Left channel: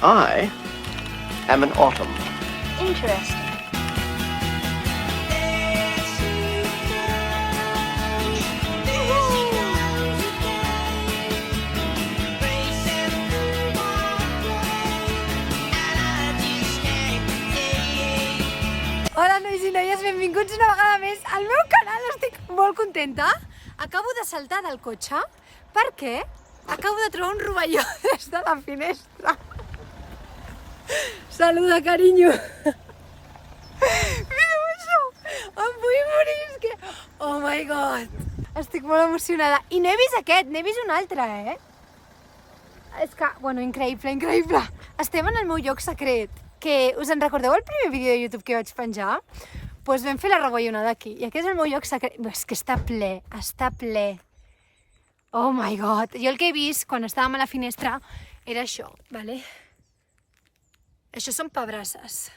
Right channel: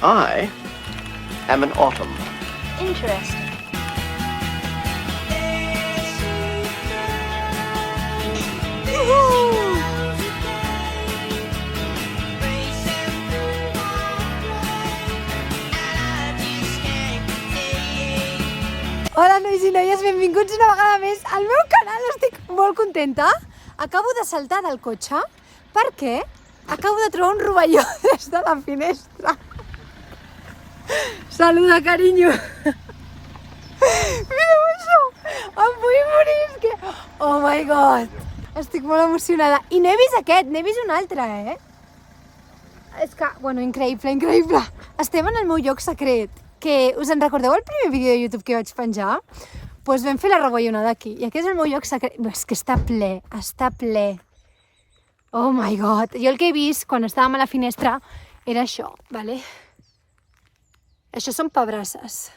I am an autumn. Interesting. Hola, nois i noies, benvinguts una vegada més al meu canal. Estic molt contenta. Acabo de saltar del cotxe perquè acabo de trobar un rovelló des de la finestra. Saluda, carinyo. Mireu això. Em vull morir, és que... Oh my god. Estic molt emocionada. I n'he vist aquest, n'he vist un altre, És que, bueno, increïble, increïble. Estem en el meu lloc secret. Que us en recordeu el primer vídeo de YouTube que vaig penjar? Doncs vam fer la rovellonada aquí. I aquest és el meu lloc secret. És que està ple, està ple. Oh my god. Jo el que he vist quan estàvem a la finestra era això, vale? Això són pebrasses.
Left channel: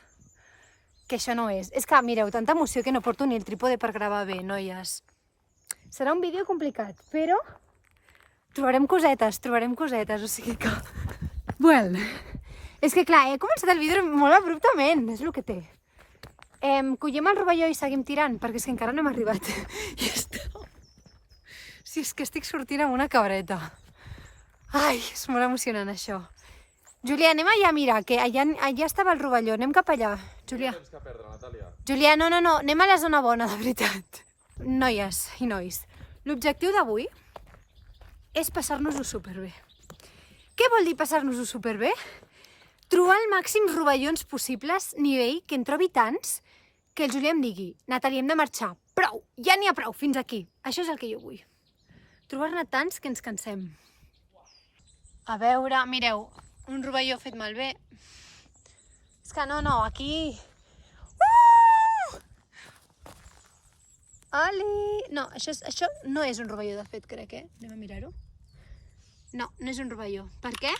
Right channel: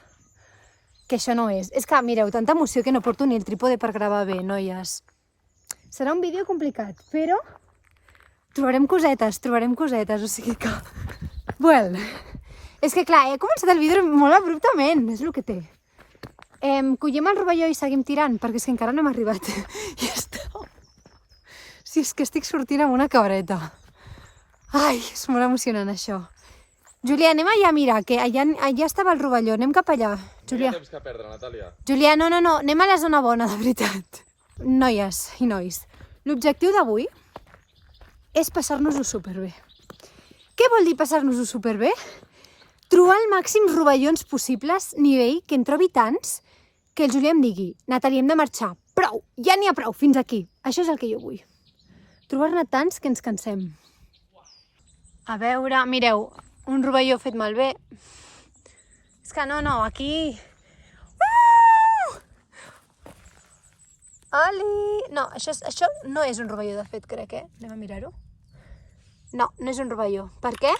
Que això no és. És que, mireu, tanta emoció que no porto ni el trípode per gravar bé, noies. Serà un vídeo complicat, però trobarem cosetes, o sigui que... Well... És que clar, he començat el vídeo molt abruptament, és el que té. Collem el rovelló i seguim tirant, perquè és que encara no hem arribat. I està... Si és que estic sortint amb una cabreta. Ai, és molt emocionant això. Julià, anem allà a mirar, que allà estava el rovelló, anem cap allà. Julià. No tens que perdre, Natàlia. Julià, no, anem a la zona bona, de veritat. Noies i nois, l'objectiu d'avui és passar-nos-ho superbé. Què vol dir passar-nos-ho superbé? Trobar el màxim rovellons possibles, nivell que en trobi tants, que el Julià em digui, Natàlia, hem de marxar. Prou, ja n'hi ha prou, fins aquí. Això és el que jo vull. Trobar-ne tants que ens cansem. A veure, mireu, un rovelló fet malbé. És que no, aquí... Oli! No, això no és un rovelló de fet, crec, Anem a mirar-ho. No, no és un rovelló. Per què?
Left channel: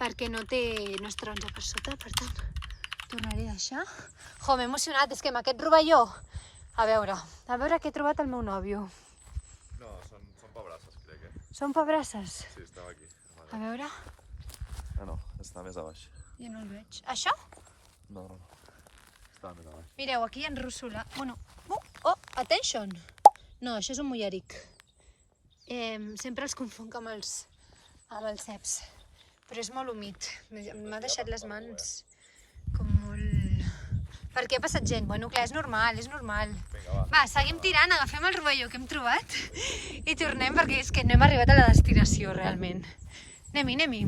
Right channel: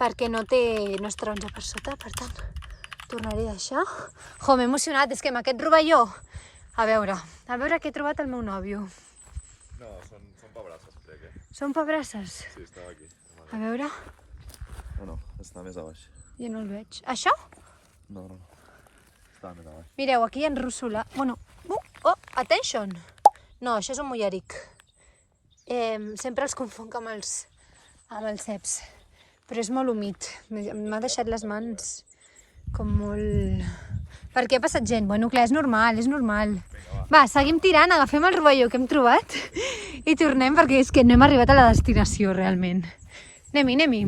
Perquè no es taronja per sota, per tant, tornaré a deixar. Jo, m'he emocionat, és que amb aquest rovelló... A veure què he trobat el meu nòvio. No, són pebrasses, crec, Són pebrasses? Sí, estava aquí. A veure... No, està més a baix. Jo no el veig. Això? No. Estava més a baix. Mireu, aquí hi ha rússula. Bueno, oh, attention! No, això és un mulleric. Sempre els confonc amb els ceps. Però és molt humit. M'ha deixat les mans com molt... Per què ha passat gent? Bueno, clar, és normal. Va, seguim tirant, agafem el rovelló que hem trobat i tornem perquè és que no hem arribat a la destinació, realment. Anem-hi.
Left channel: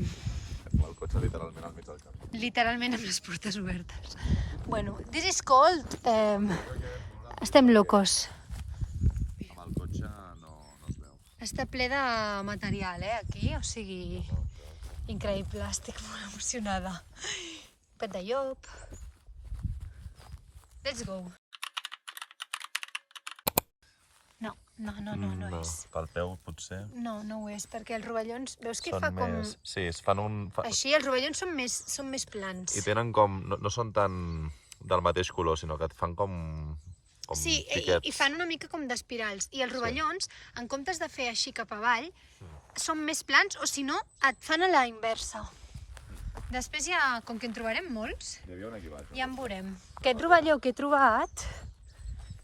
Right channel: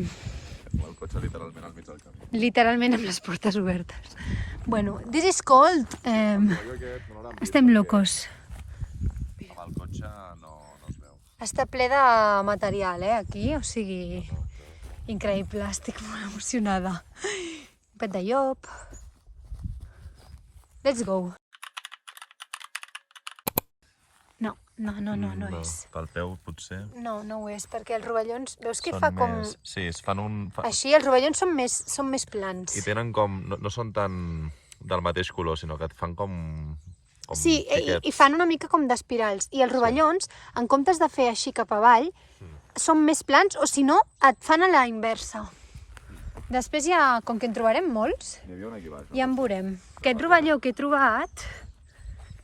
El cotxe literalment al mig del camp. Literalment amb les portes obertes. Bueno, this is cold. Estem locos. El cotxe no es veu. Està ple de material, aquí, o sigui... Increïble, estic molt emocionada. Un pet de llop. Let's go. No és. Pel peu, potser. No ho és, perquè els rovellons... Veus que fa com... Sí, es fan un... Així, els rovellons són més plans. I tenen com... No són tan del mateix color, sinó que et fan com sí, i fan una mica com d'espirals. I els rovellons, en comptes de fer així cap avall, són més plans, o si no, et fan a la inversa. Després ja, com que en trobarem molts, Hi havia un aquí baix. ja en veurem. Aquest rovelló que he trobat...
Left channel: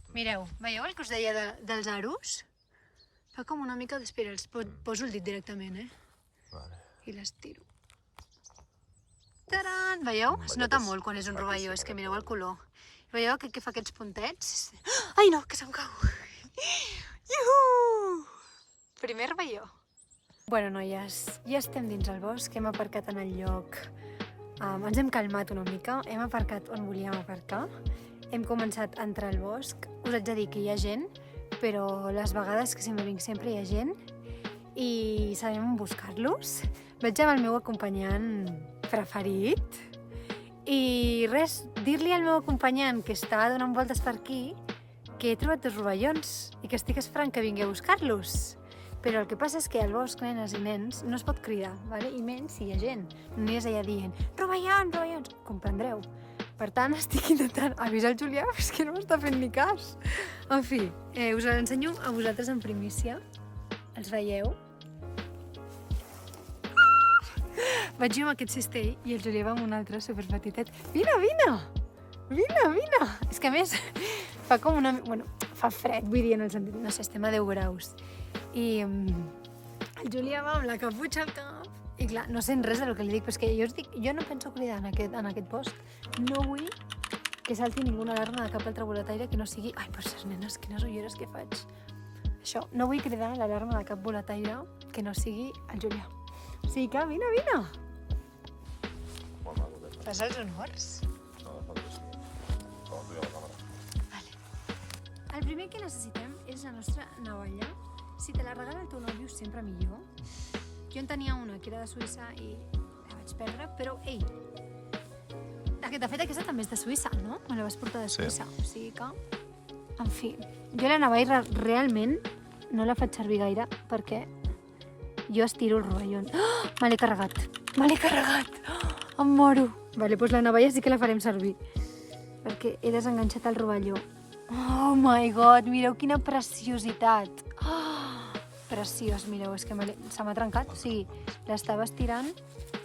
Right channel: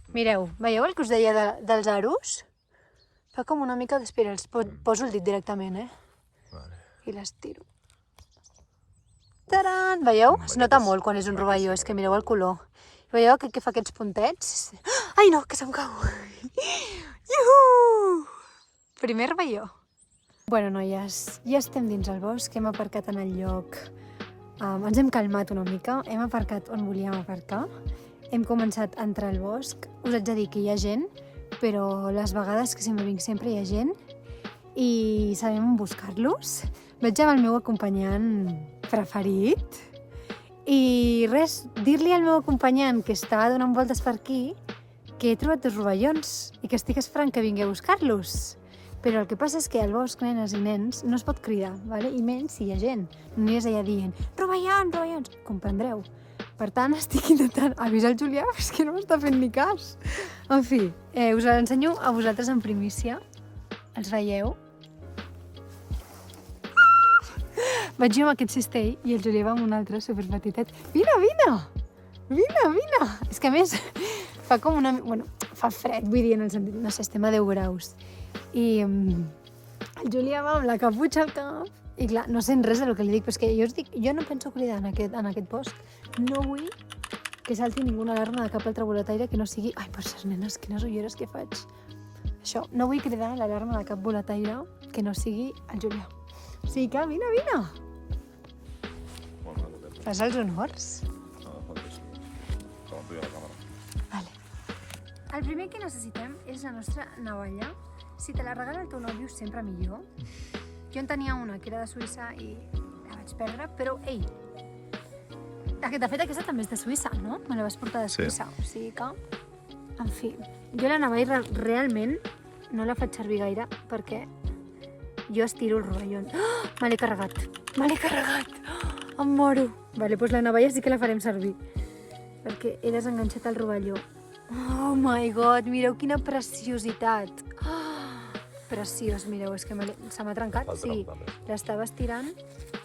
Mireu, veieu el que us deia dels aros? Fa com una mica d'espirals. Poso el dit directament, Vale. I l'estiro. Taran! Veieu? Es nota molt quan és un rovelló, és que mireu el color. Veieu que fa aquests puntets? Ai no, que se'm cau! Iuhu! Primer rovelló. Bueno, noies, ja estem dins el bosc, hem aparcat en el lloc. Ens hem calmat una mica, hem aparcat on volíem aparcar. Hem començat a entrar al bosc. Us haig de dir que hi ha gent, però les vegades que sempre vinc sempre hi ha gent i sabem on buscar-los. Vaig amb el meu acompanyant preferit i res, dir-li al meu acompanyant que està donant voltes per aquí que he trobat 2 rovellons i que estic esperant que vingui a buscar-los. Però el que passa és que al bosc, nenes i nens, no es pot cridar, ¿vale? I menys si hi ha gent. No aniràs allà dient rovellons, comprendreu. Per tant, estic intentant avisar el Julià, però és que no m'està fent ni cas. En fi, us l'ensenyo a vosaltres en primícia. Els veieu? vaig jo amb aquest cistell i el Julià va amb un altre superpetitet. Vine, vine! Vine, vine! És que a més fa com una... Bueno, fa fred, vull dir, en el sentit, no sé, estem a 10 graus. I el Julià va amb la caputxa al cap. I clar, no sent res del que li dic, però és que jo us dic, jo no penso cridar en aquest post. No vull que salti ninguna alarma de cap altre boletaire que no sigui... Ai, per ser nenes, quines ulleres que faig. Això, no vull cridar l'alarma de cap boletaire que no sigui el Julià. O sigui que, vine, vine! Fas els honors? Vale. El primer que necessitem és la nostra navalla. Si te la regala el teu nòvio, sempre millor. Jo en tenia una que era de Suïssa i la vaig perdre, però, ei, de fet aquesta també és de Suïssa, no? Me la vas portar de Suïssa, sí. O sigui que, en fi, jo la navalla realment no la faig servir gaire perquè jo estiro el rovelló. Oh, me l'he carregat, em moro. Vale, doncs la navalla sí que la farem servir perquè he desenganxat el rovelló. Oh my god, mireu quina preciositat. Preciós, mireu, és que se m'ha trencat. Sí, l'estava estirant,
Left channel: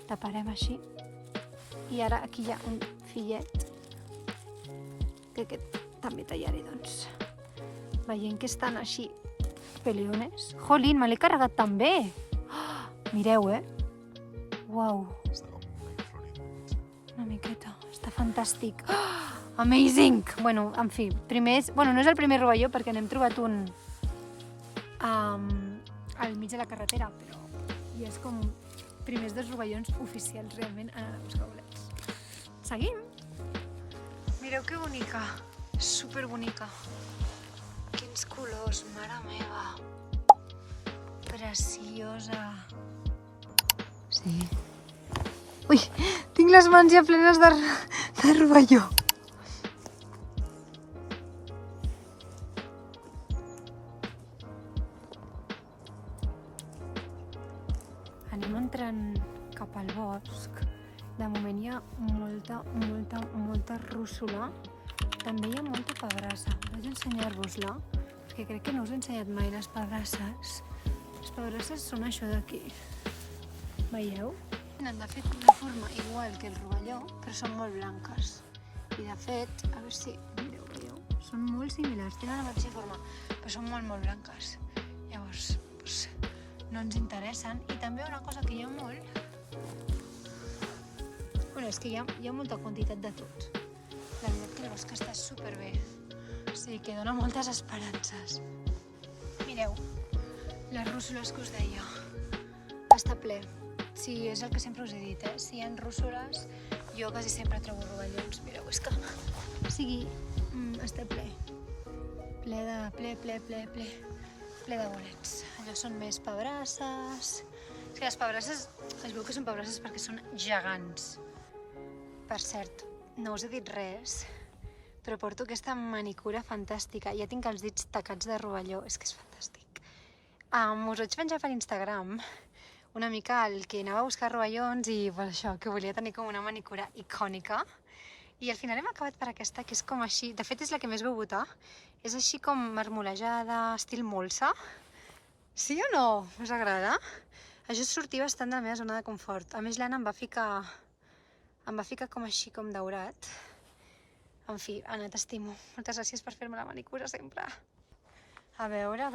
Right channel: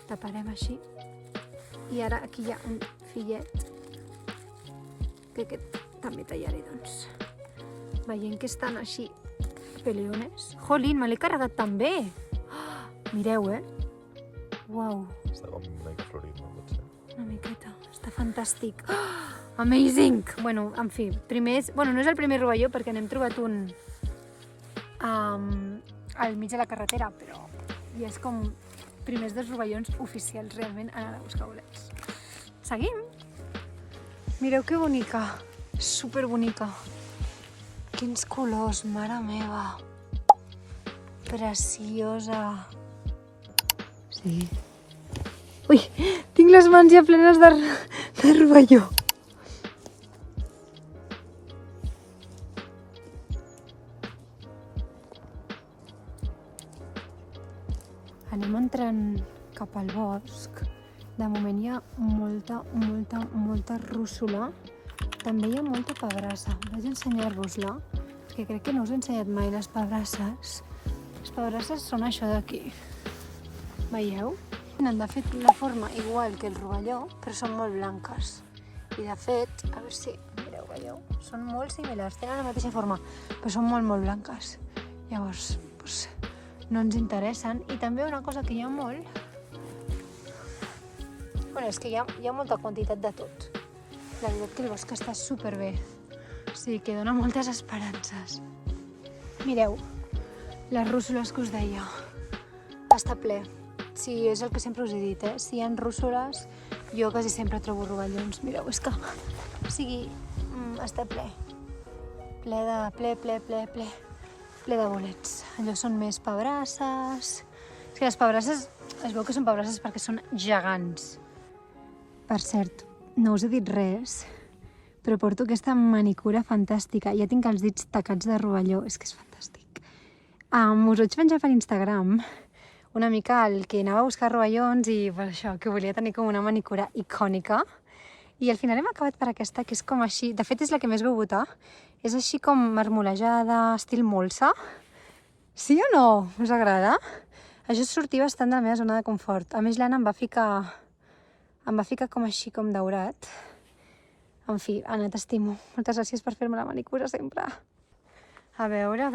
taparem així. I ara aquí hi ha un fillet que aquest també tallaré, doncs. Veient que estan així peliones. Jolín, me l'he carregat també. Mireu, Uau. Està com una florit, no pot ser? Una miqueta, està fantàstic. Amazing! Bueno, en fi, primer és... Bueno, no és el primer rovelló perquè n'hem trobat un al mig de la carretera, però i és com primers dos rovellons oficials realment anant a buscar bolets. Seguim! Mireu que bonica, superbonica. Quins colors, mare meva. Preciosa. Sí. Ui, tinc les mans ja plenes de rovelló. Anem entrant cap al bosc. De moment hi ha molta rússula. També hi ha molta pebrassa. Vaig ensenyar-vos-la, perquè crec que no us he ensenyat mai les pebrasses. Les pebrasses són això d'aquí. Veieu? Tenen de fet la forma igual que el rovelló, però són molt blanques. I de fet, a veure si mireu, veieu? Són molt similars, tenen la mateixa forma, però són molt blanques. Llavors, doncs, no ens interessen. I també una cosa que hi ha molt... Bueno, és que hi ha molta quantitat de tot. La veritat que el bosc està superbé. O sigui que dona moltes esperances. Mireu, les rússoles que us deia. Està ple. Sí, és el que sempre us he dit, Si hi ha rússoles, jo quasi sempre trobo rovellons. Mireu, és que... O sigui, està ple. Ple de bolets. Allò són més pebrasses. O sigui, les pebrasses, es veu que són pebrasses perquè són gegants. Per cert, no us he dit res, però porto aquesta manicura fantàstica. Ja tinc els dits tacats de rovelló, és que és fantàstic. Us vaig penjar per Instagram una mica el que anava a buscar rovellons i per això, que volia tenir com una manicura icònica. I al final hem acabat per aquesta, que és com així, de fet és la que més vau votar, és així com marmolejada, estil molsa. Sí o no? Us agrada? Això sortia bastant de la meva zona de confort. A més, l'Anna em va ficar com així, com daurat. En fi, Anna, t'estimo. Moltes gràcies per fer-me la manicura sempre. A veure,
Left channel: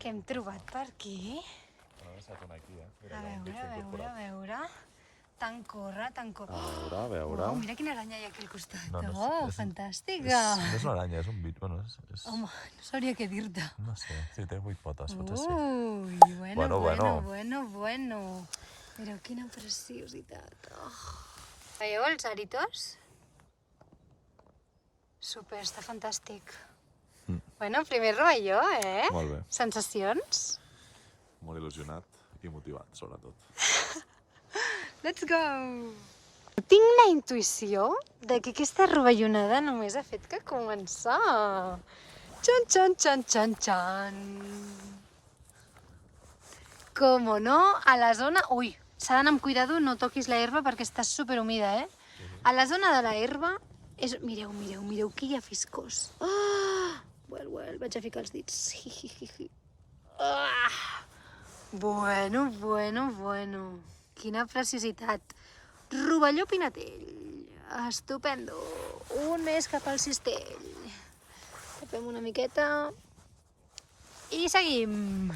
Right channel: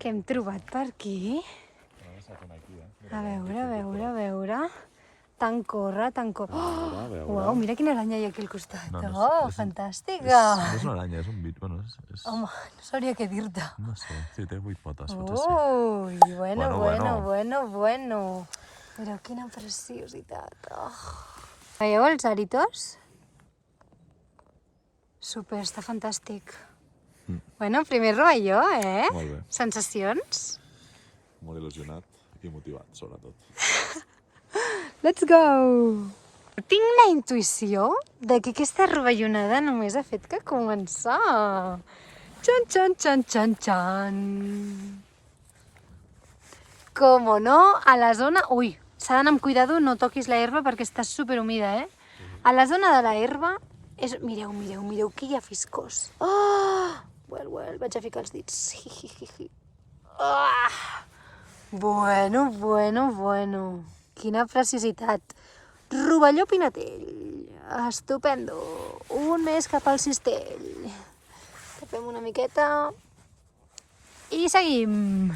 què hem trobat per aquí? A veure. Tant corre. Uau, mira quina aranya hi ha aquí al costat. Oh, fantàstica! No és una aranya, és un bit. Bueno, és... Home, no sabria què dir-te. No sé, sí, té 8 potes, potser sí. Ui, bueno. Mireu quina preciositat. Veieu els aritos? Super, està fantàstic. Bueno, primer rovelló, Molt bé. Sensacions? Molt il·lusionat i motivat, sobretot. Let's go! Tinc la intuïció de que aquesta rovellonada només ha fet que començar. Xan. Com no, a la zona... Ui, s'ha d'anar amb cuidado, no toquis la herba perquè està superhumida, A la zona de la herba, mireu, que hi ha fiscós. Well, vaig a ficar els dits. Bueno. quina preciositat. Rovelló Pinatell. Estupendo. Un més cap al cistell. Tapem una miqueta. I seguim.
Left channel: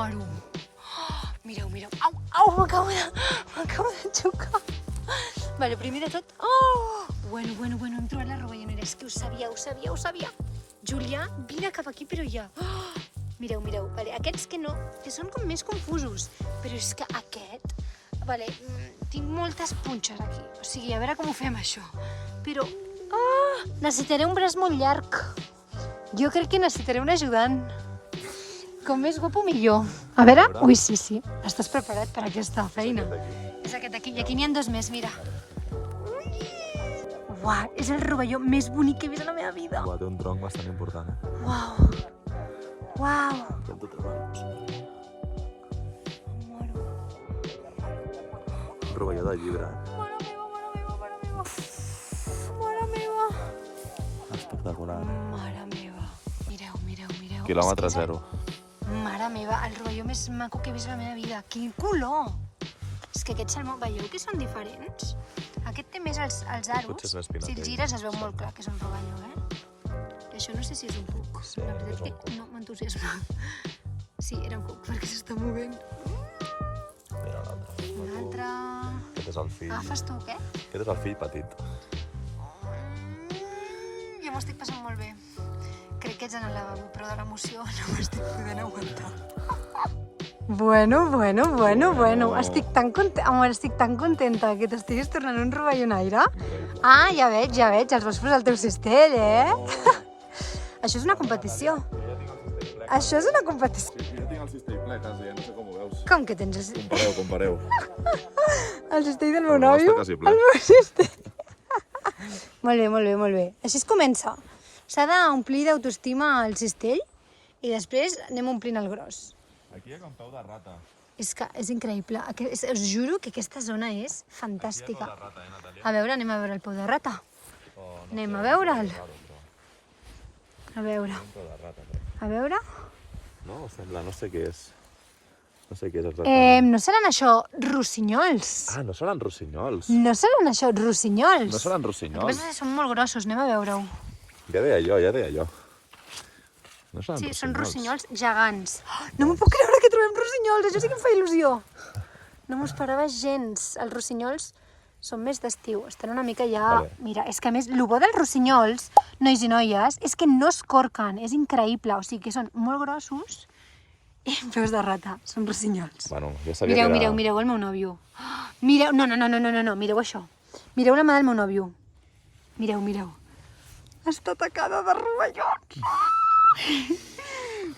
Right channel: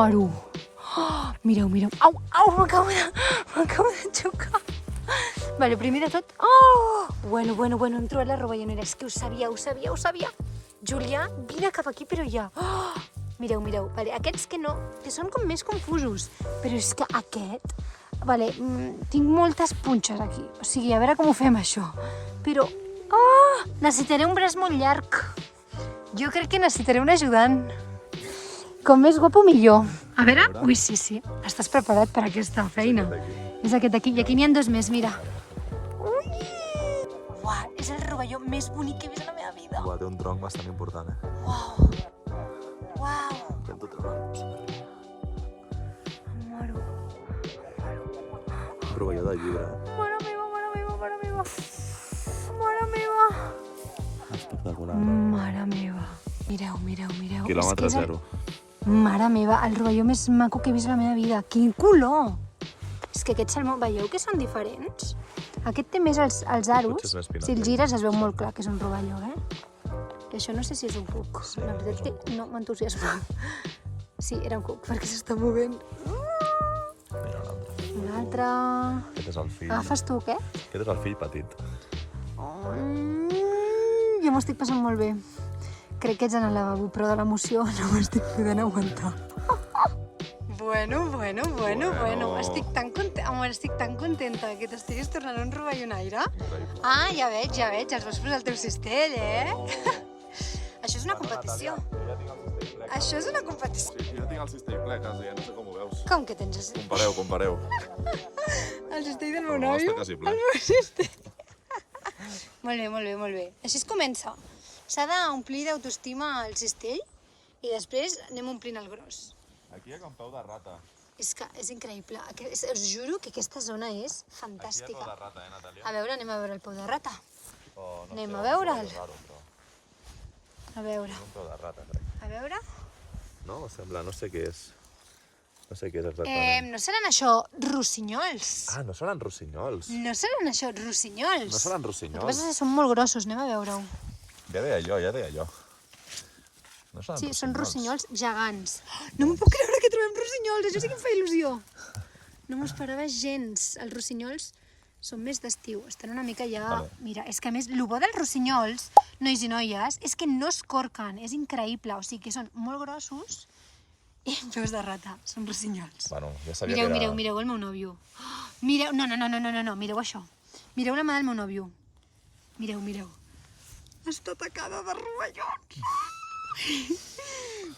Moro. Oh, mireu. Au, m'acabo de xocar. Vale, primer de tot... Oh! Bueno, hem trobat la rovellonera. És que ho sabia. Julià, vine cap aquí, però ja. Oh! Mireu. Vale, aquests que no, que són com més confusos. Però és que aquest... Vale, tinc moltes punxes aquí. O sigui, a veure com ho fem, això. Però... Oh! Necessitaré un braç molt llarg. Jo crec que necessitaré un ajudant. Com més guapo, millor. A veure... Ui, sí. Estàs preparat per aquesta feina? És aquest d'aquí. I aquí n'hi ha dos més, mira. Ui! Uau, és el rovelló més bonic que he vist a la meva vida. Té un tronc bastant important, Uau. Un rovelló de llibre. Mare meva. Espectacular. Mare meva. Mireu. Quilòmetre zero. Mare meva, el rovelló més maco que he vist a la meva vida. Quin color! És que aquest salmó, veieu que són diferents? Aquest té més els aros. Potser és més pinat. Si el gires es veu molt clar que és un rovelló, I això no sé si és un cuc. La veritat que no m'entusiasma. Sí, era un cuc, perquè s'està movent. Mira un altre. Un altre... Aquest és el fill. Agafes tu, què? Aquest és el fill petit. Jo m'ho estic passant molt bé. Crec que ets en el lavabo, però de l'emoció no m'estic podent aguantar. Bueno. Estic tan contenta que t'estiguis tornant un rovellonaire. Ah, ja veig, els vols posar al teu cistell, Això és una competició. Jo tinc el cistell ple, quasi, no sé com ho veus. Com que tens el cistell? Compareu. El cistell del meu El nostre nòvio? quasi ple. El meu cistell. Molt bé. Així es comença. S'ha d'omplir d'autoestima el cistell i després anem omplint el gros. Aquí hi ha com peu de rata. És que és increïble. Us juro que aquesta zona és fantàstica. A veure, anem a veure el peu de rata. Anem a veure'l. A veure. A veure. No, sembla, no sé què és. No sé què és exactament. No seran això rossinyols? Ah, no seran rossinyols. No seran això rossinyols? No seran El que rossinyols. passa és que són molt grossos, anem a veure-ho. Ja deia jo. No seran Sí, són rossinyols gegants. No m'ho puc creure que trobem rossinyols, això sí que em fa il·lusió. No m'ho esperava gens. Els rossinyols són més d'estiu, estan una mica ja... Mira, és que a més, el bo dels rossinyols, nois i noies, és que no es corquen, és increïble. O sigui que són molt grossos i peus de rata, són rossinyols. Bueno, jo sabia Mireu el meu nòvio. Mireu, no, mireu això. Mireu la mà del meu nòvio. Mireu. Està atacada de rovellons.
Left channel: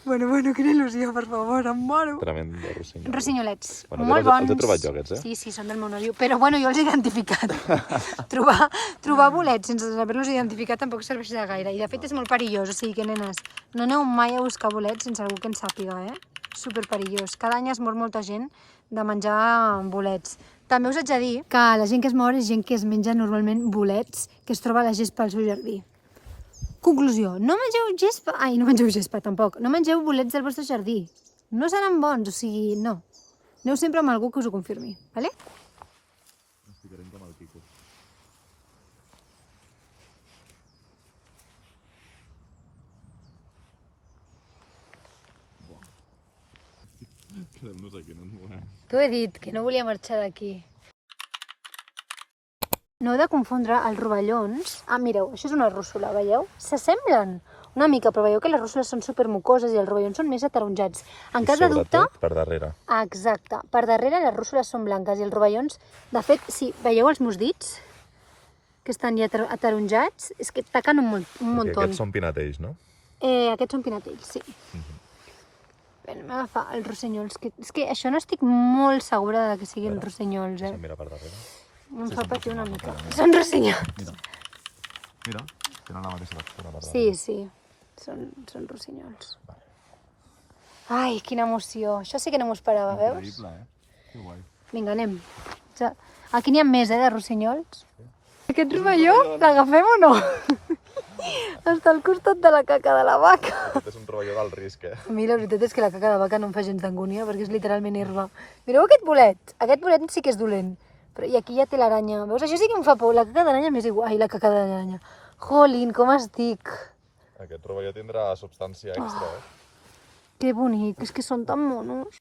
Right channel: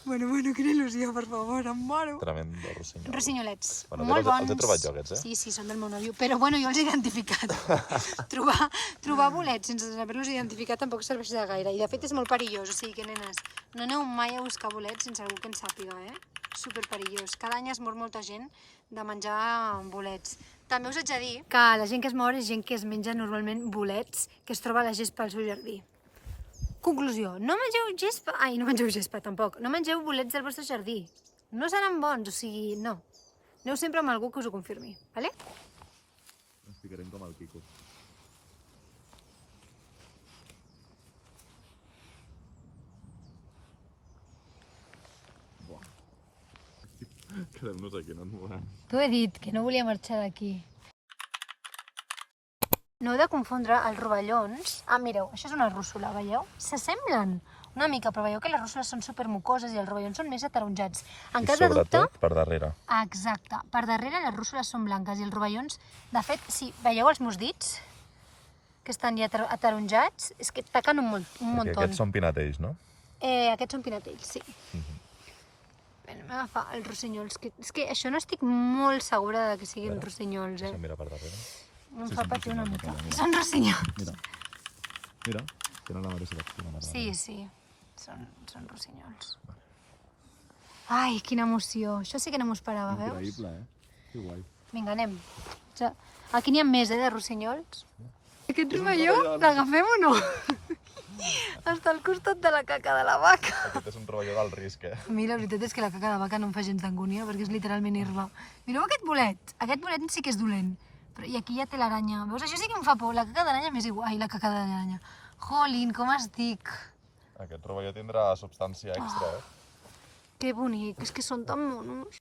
Bueno, quina il·lusió, per favor, em moro. Tremend de rossinyol. Rossinyolets, Bueno, molt bons. els he trobat jo, aquests, Sí, són del meu nòvio, però bueno, jo els he identificat. trobar bolets sense haver-los identificat tampoc serveix de gaire, i de fet és molt perillós, o sigui que, nenes, no aneu mai a buscar bolets sense algú que en sàpiga, Super perillós. Cada any es mor molta gent de menjar bolets. També us haig de dir que la gent que es mor és gent que es menja normalment bolets que es troba a la gespa al seu jardí. Conclusió, no mengeu gespa... Ai, no mengeu gespa, tampoc. No mengeu bolets del vostre jardí. No seran bons, o sigui, no. Aneu sempre amb algú que us ho confirmi, vale? Ens ficarem com el Quico. Quedem-nos aquí, no ens movem. T'ho he dit, que no volia marxar d'aquí. No heu de confondre els rovellons... Ah, mireu, això és una rússula, veieu? S'assemblen una mica, però veieu que les rússules són supermucoses i els rovellons són més ataronjats. En cas de dubte... Sobretot per darrere. Exacte. Per darrere les rússules són blanques i els rovellons... De fet, si veieu els meus dits, que estan ja ataronjats, és que taquen un muntó. Aquests són pinatells, no? Aquests són pinatells, sí. Bé, anem a agafar els rossinyols. És que això no estic molt segura de que siguin rossinyols, Mira per darrere. Em fa patir una mica. Són rossinyols. Mira, tenen la mateixa textura per darrere. Sí. Són rossinyols. Ai, quina emoció. Això sí que no m'ho esperava, veus? Increïble, Que guai. Vinga, anem. Aquí n'hi ha més, de rossinyols. Aquest rovelló, l'agafem o no? Està al costat de la caca de la vaca. Aquest és un rovelló del risc, Mira, la veritat és que la caca de vaca no em fa gens d'angúnia, perquè és literalment herba. Mireu aquest bolet. Aquest bolet sí que és dolent. Però, i aquí ja té l'aranya. Veus? Això sí que em fa por. La caca d'aranya m'és igual. Ai, la caca d'aranya. Jolín, com estic. Aquest rovelló tindrà substància extra, Que bonic, és que són tan monos.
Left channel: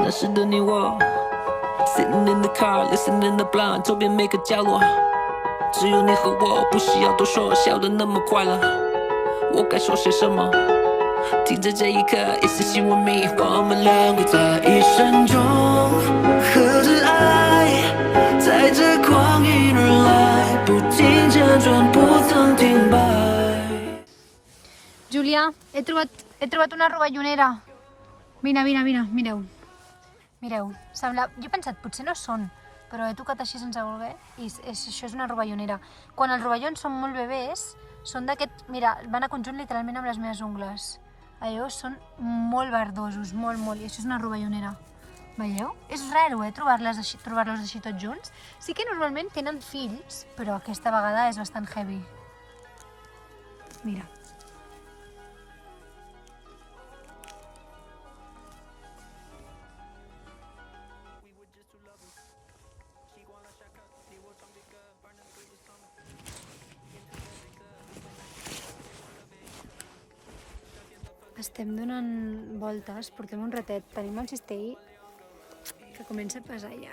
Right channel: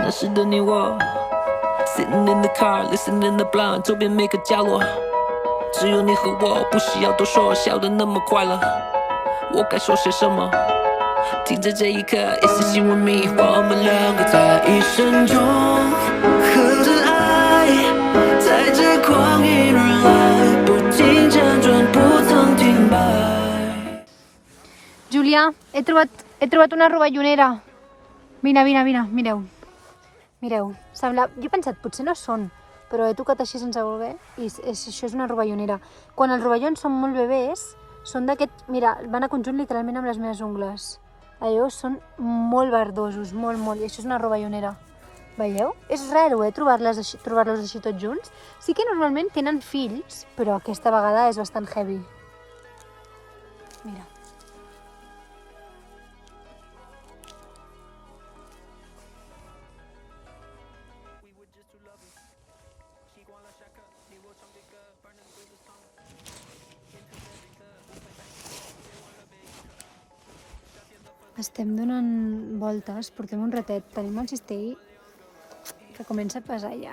那时的你我 Sitting in the car, listening the blind 周边每个角落只有你和我，不需要多说，笑得那么快乐我该说些什么听着这一刻一丝心问迷我们两个在一生中合着爱在这光阴而来不停辗转不曾停摆 Julià, he trobat una rovellonera. Mireu. Mireu, sembla... Jo he pensat, potser no són, però he tocat així sense voler i això és una rovellonera. Quan els rovellons són molt bebès, són d'aquest... Mira, van a conjunt literalment amb les meves ungles. Allò són molt verdosos, molt, i això és una rovellonera. Veieu? És raro, trobar-los així tots junts. Sí que normalment tenen fills, però aquesta vegada és bastant heavy. Mira. Estem donant voltes, portem un ratet, tenim el cistell que comença a pesar ja,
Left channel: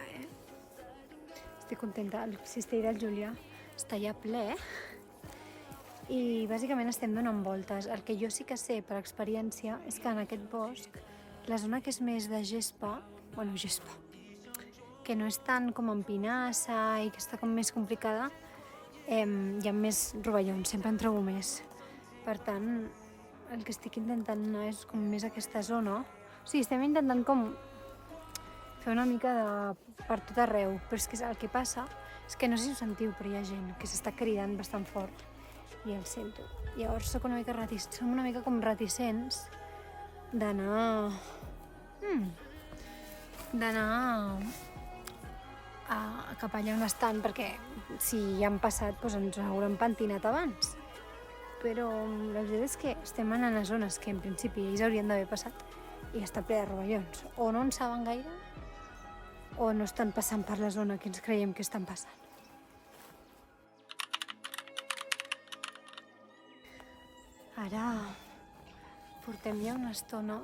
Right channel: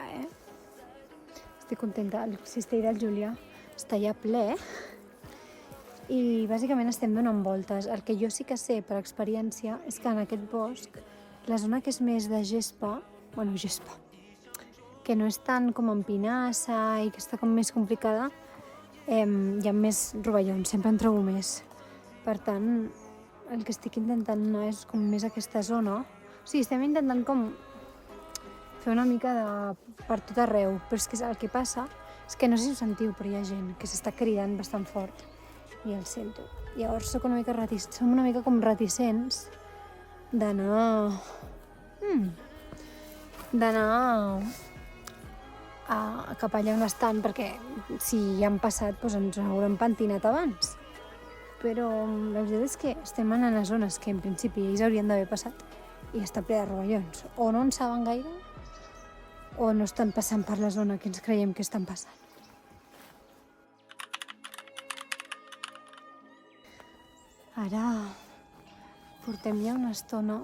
Estic contenta, el cistell del Julià està ja ple i bàsicament estem donant voltes. El que jo sí que sé per experiència és que en aquest bosc, la zona que és més de gespa, que no és tant com en pinassa i que està com més complicada, hi ha més rovellons, sempre en trobo més. Per tant, el que estic intentant anar és com més aquesta zona. O sigui, estem intentant com fer una mica de per tot arreu, però és que el que passa és que no sé si ho sentiu, però hi ha gent que s'està cridant bastant fort i el sento. Llavors som una mica com reticents d'anar cap allà on estan, perquè si ja han passat doncs ens hauran pentinat abans. Però la veritat és que estem anant a zones que en principi ells haurien d'haver passat i està ple de rovellons. O no en saben gaire o no estan passant per la zona que ens creiem que estan passant. Ara portem ja una estona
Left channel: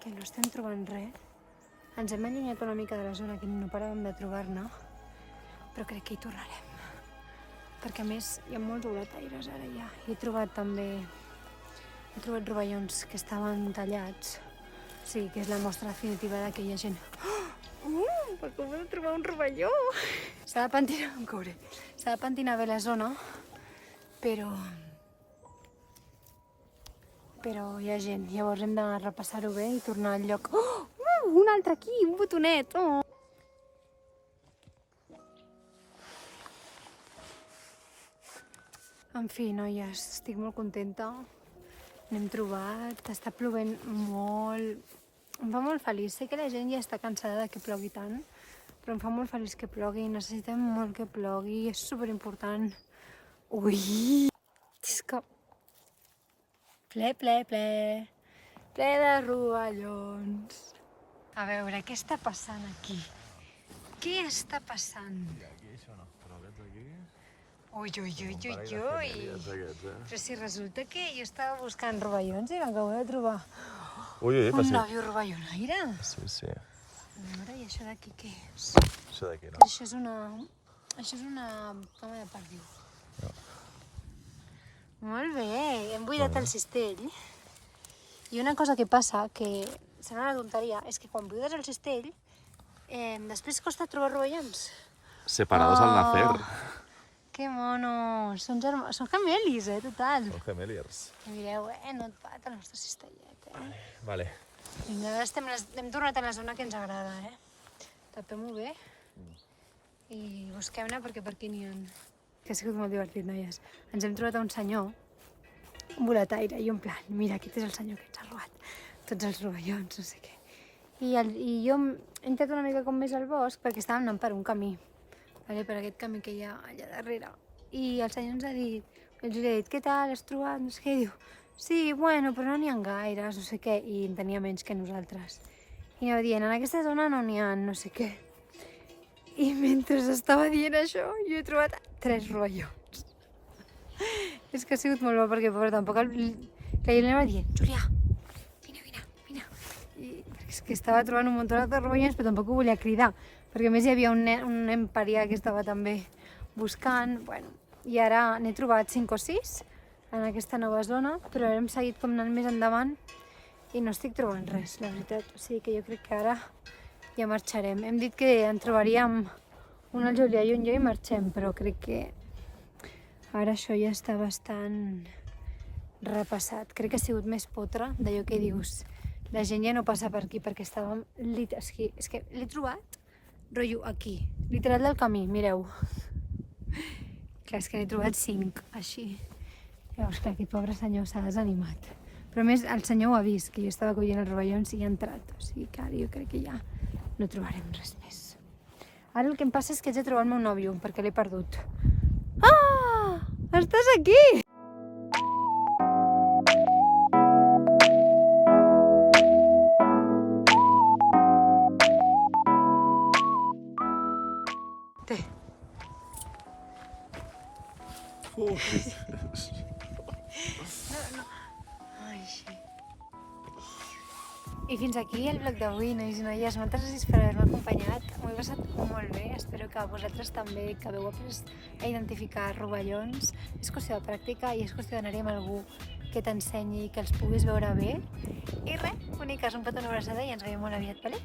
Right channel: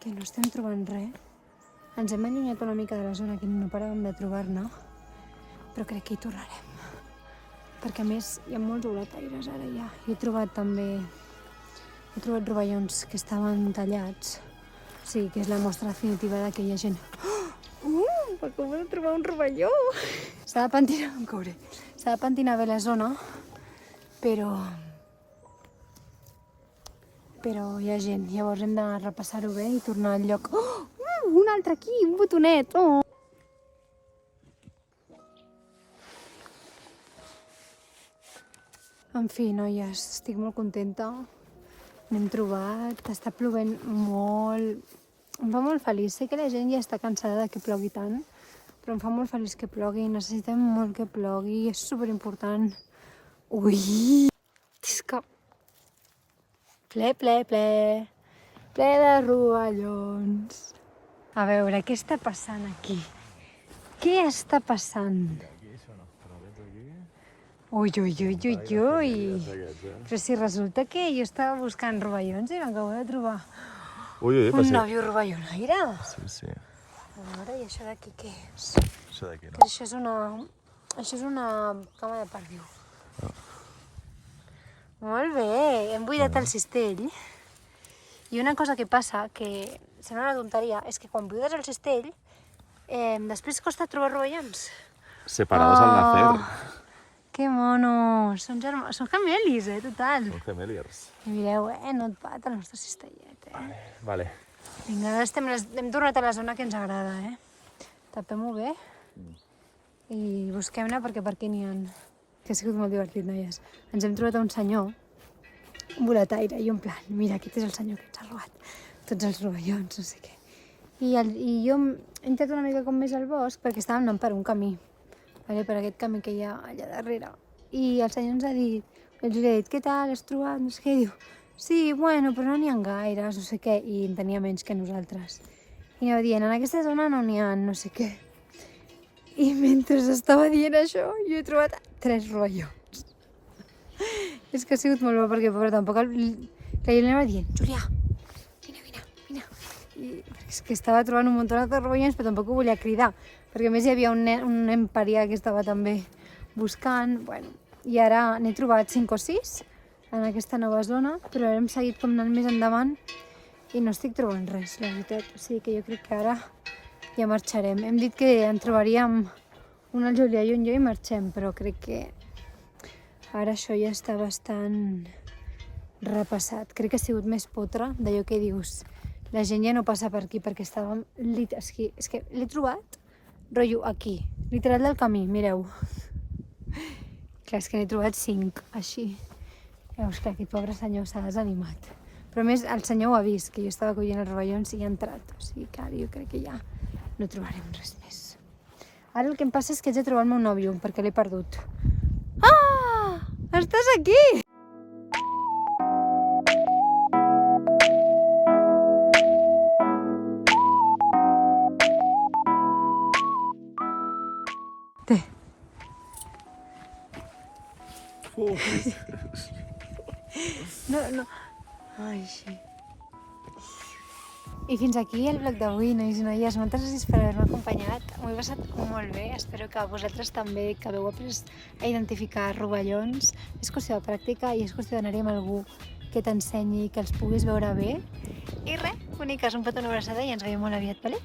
que no estem trobant res. Ens hem allunyat una mica de la zona que no paràvem de trobar-ne, però crec que hi tornarem. Perquè a més hi ha molts oletaires ara ja. He trobat rovellons que estaven tallats. O sigui, que és la mostra definitiva de que hi ha gent. Acabo de trobar un rovelló! S'ha de pentinar bé la zona, però hi ha gent. Llavors hem de repassar-ho bé i tornar al lloc. Un altre aquí, un botonet! En fi, noies, estic molt contenta. N'hem trobat, està plovent molt. Em fa molt feliç. Sé que la gent ja està cansada de que plogui tant, però em fa molt feliç que plogui. Necessitem molt que plogui, és superimportant. Ui! És que... Ple de rovellons. A veure, què està passant aquí? Què està passant? Ui. Però si resulta que jo estava buscant rovellons i m'acabo de trobar un nòvio rovellonaire. Sí. A veure, i això d'aquí què és? Això d'aquí, no? Això és una cama de perdiu. Molt bé, hem buidat el cistell. I una cosa que passa, que sembla una tonteria, és que quan buides el cistell, després costa trobar rovellons. Separados al nacer. Que monos! Són germans, són gemelis, total. Són gemeliers. I mireu, no et pat el nostre cistellet, Vale. Vinga, ara hem tornat a la zona que ens agrada, Tapem-ho bé i busquem-ne perquè per aquí n'hi ha. Que ha sigut molt divertit, noies. Ens hem trobat a un senyor, un boletaire, i en plan, mira, aquest és el senyor que ens ha robat tots els rovellons, no sé què. I jo he entrat una mica com més al bosc perquè estàvem anant per un camí, per aquest camí que hi ha allà darrere. I el senyor ens ha dit, els he dit, què tal, has trobat, no sé què, diu, sí, bueno, però no n'hi ha gaires, no sé què, i en tenia menys que nosaltres. I anava dient, en aquesta zona no n'hi ha no sé què. I mentre estava dient això, jo he trobat 3 rovellons. És que ha sigut molt bo, perquè pobre, tampoc que jo li anava dient, Júlia, vine. I és que estava trobant un munt de rovellons, però tampoc ho volia cridar, perquè a més hi havia un nen parià que estava també buscant, bueno, i ara n'he trobat 5 o 6 en aquesta nova zona, però hem seguit com anant més endavant i no estic trobant res, la veritat. O sigui que jo crec que ara ja marxarem. Hem dit que en trobaríem un al Julià i un jo i marxem, però crec que ara això ja està bastant repassat. Crec que ha sigut més potre d'allò que dius. La gent ja no passa per aquí perquè estàvem... És que l'he trobat, rotllo, aquí, literal del camí, mireu. Clar, és que n'he trobat 5, així. Ostres, aquest pobre senyor s'ha desanimat. Però a més, el senyor ho ha vist, que jo estava collint els rovellons i ha entrat. O sigui que ara jo crec que ja no trobarem res més. Ara el que em passa és que haig de trobar el meu nòvio, perquè l'he perdut. Ah! Estàs aquí! Té. No. Ai, sí. I fins aquí el vlog d'avui, nois i noies. Moltes gràcies per haver-me acompanyat. M'ho he passat molt bé. Espero que vosaltres també, que hagueu après a identificar rovellons. És qüestió de pràctica i és qüestió d'anar-hi amb algú que t'ensenyi, que els puguis veure bé. I res, boniques, un petó, una abraçada i ens veiem molt aviat, vale?